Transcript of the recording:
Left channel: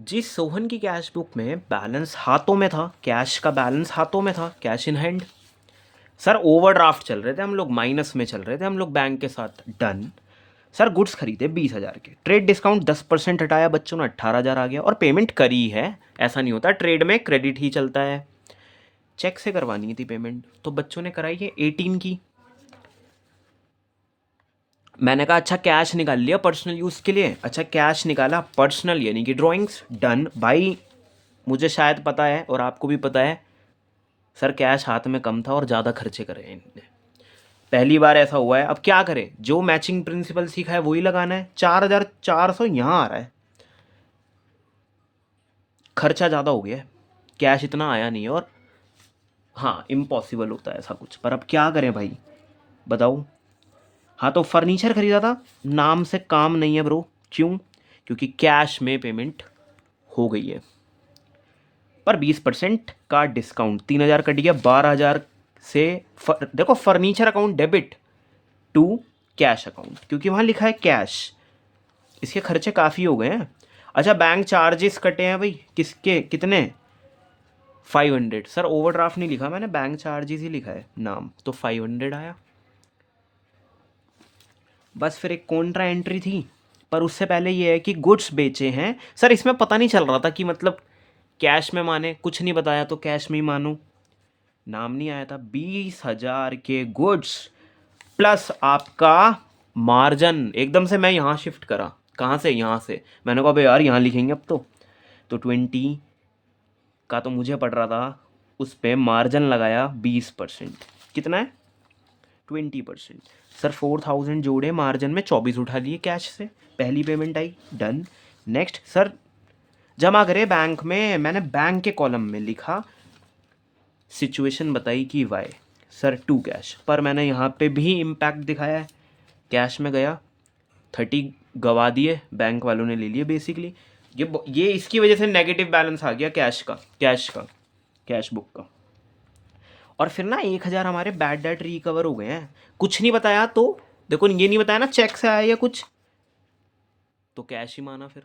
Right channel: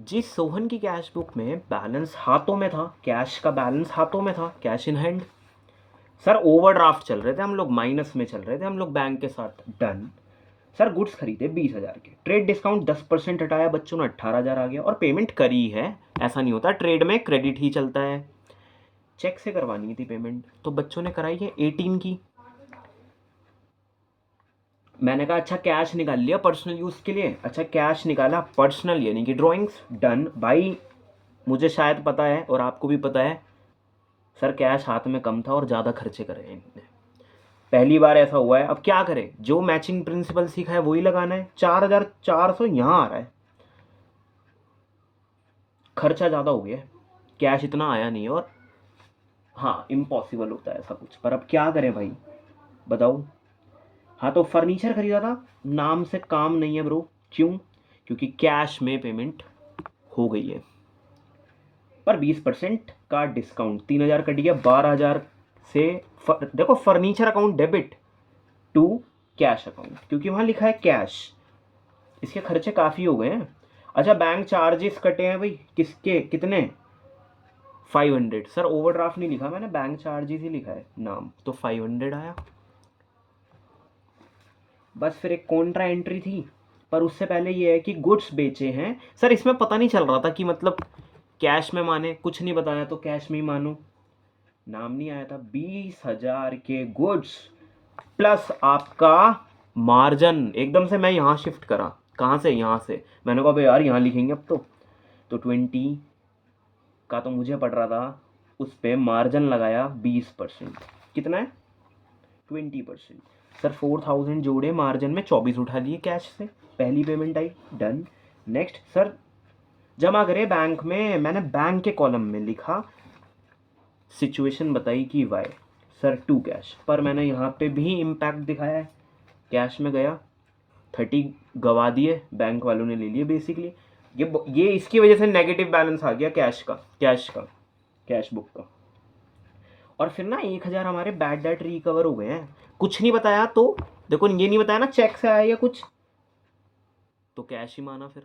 जी, सोहन की cash book में balance हाथों में था, कैश का बैलेंस हाथों में था, cash in hand. Sir overdraft चल रहे थे हम लोग, माइनस में चल रहे थे हम लोग बैंक के साथ। डन। सर गुड्स खरीदे 20,000 के, ट्रेड डिस्काउंट 10% हटाया, बच्चों ने 18,000 आ गया और पेमेंट करी है। ऐसा नहीं होता, ट्रेड में क्रेडिट ही चलता है। चेक से करवानी थी पेमेंट, तो बच्चों ने कराई है 18 की। मैंने कहा अच्छा कैश निकाल लिया पर्सनल यूज़ के लिए। अच्छा कैश निकाला पर्सनल यानी कि ड्राइंग्स। डन भाई, मुझे शायद पता है और आपको भी पता है सर, कैश हाथ में कम था और ज़्यादा खर्चे करे हैं इन्होंने। पहली बार ऐसा हुआ है। अब क्या करें, जो मैचिंग प्रिंसिपल सीखा है वही लगाना है। 4,400 यहाँ आ रहा है, खर्चा ज़्यादा हो गया है, कैश इतना आया नहीं है। और हाँ, इम्पॉसिबल होता है ऐसा कुछ, पर अब क्या करें भाई, बताओ। हाँ तो फर्नीचर खरीदा था, नाम से काम नहीं है ब्रो। क्यों? क्योंकि कैश में पेमेंट हो गई है, पर 20% का डिस्काउंट, 3,000 कट गया 12,000 से। देखो, furniture account debit to cash account, क्योंकि वहाँ लिखा है कैश। इसके खर्चे काफ़ी हो गए हैं। अच्छा बैंक चार्जेस कटे हैं भाई, किसके कितने? 500। सर ओवरड्राफ्ट नहीं लिखा मैंने, बैंक चार्जेस ही लिखा है नाम, तो 500 आया। बस फिर एक कॉन्ट्रा एंट्री थी, पर उससे पहले ये है कि गुड्स बेचे हैं। सर इसमें पता नहीं चल रहा था कि मतलब कैश में माने, कुछ नहीं बताया तो कैश में ही मानो। नाम नहीं आया था। 20,000 के गुड्स प्लस आपका मार्जिन। एकदम से मैं यहाँ शिफ्ट करा, कहाँ से? यहाँ से। मैंने कहा भाई यार यहाँ लिखेंगे अब तो 20 का तो मुझे पड़ रहा था, उस पर मार्जिन लगाया 20%। कितना है? 20%। सर 4,000 जोड़े, मार्जिन में 24 उठा लिए कैश से। पहली पेमेंट आई। डन। नेक्स्ट सर, जमा करे बैंक में। मैंने बैंक के कॉलम में लिखा, सिचुएशन बताई कि वाई। सर टू कैश, पर मैंने यहाँ पे भी इम्पैक्ट दिखाया है। कैश में गया, 30 गवा दिए, बैंक वालों ने ले लिए बेसिकली। ये इसकी वजह से नेगेटिव बैलेंस आ गया कैश बुक का। और फिर ना 1,000 हमारे बैड डेट रिकवर हो गए हैं। कुछ नहीं बताया तो, देखो ये नहीं बताया ना चेक से आया या कुछ, तो कैश ही माना फिर।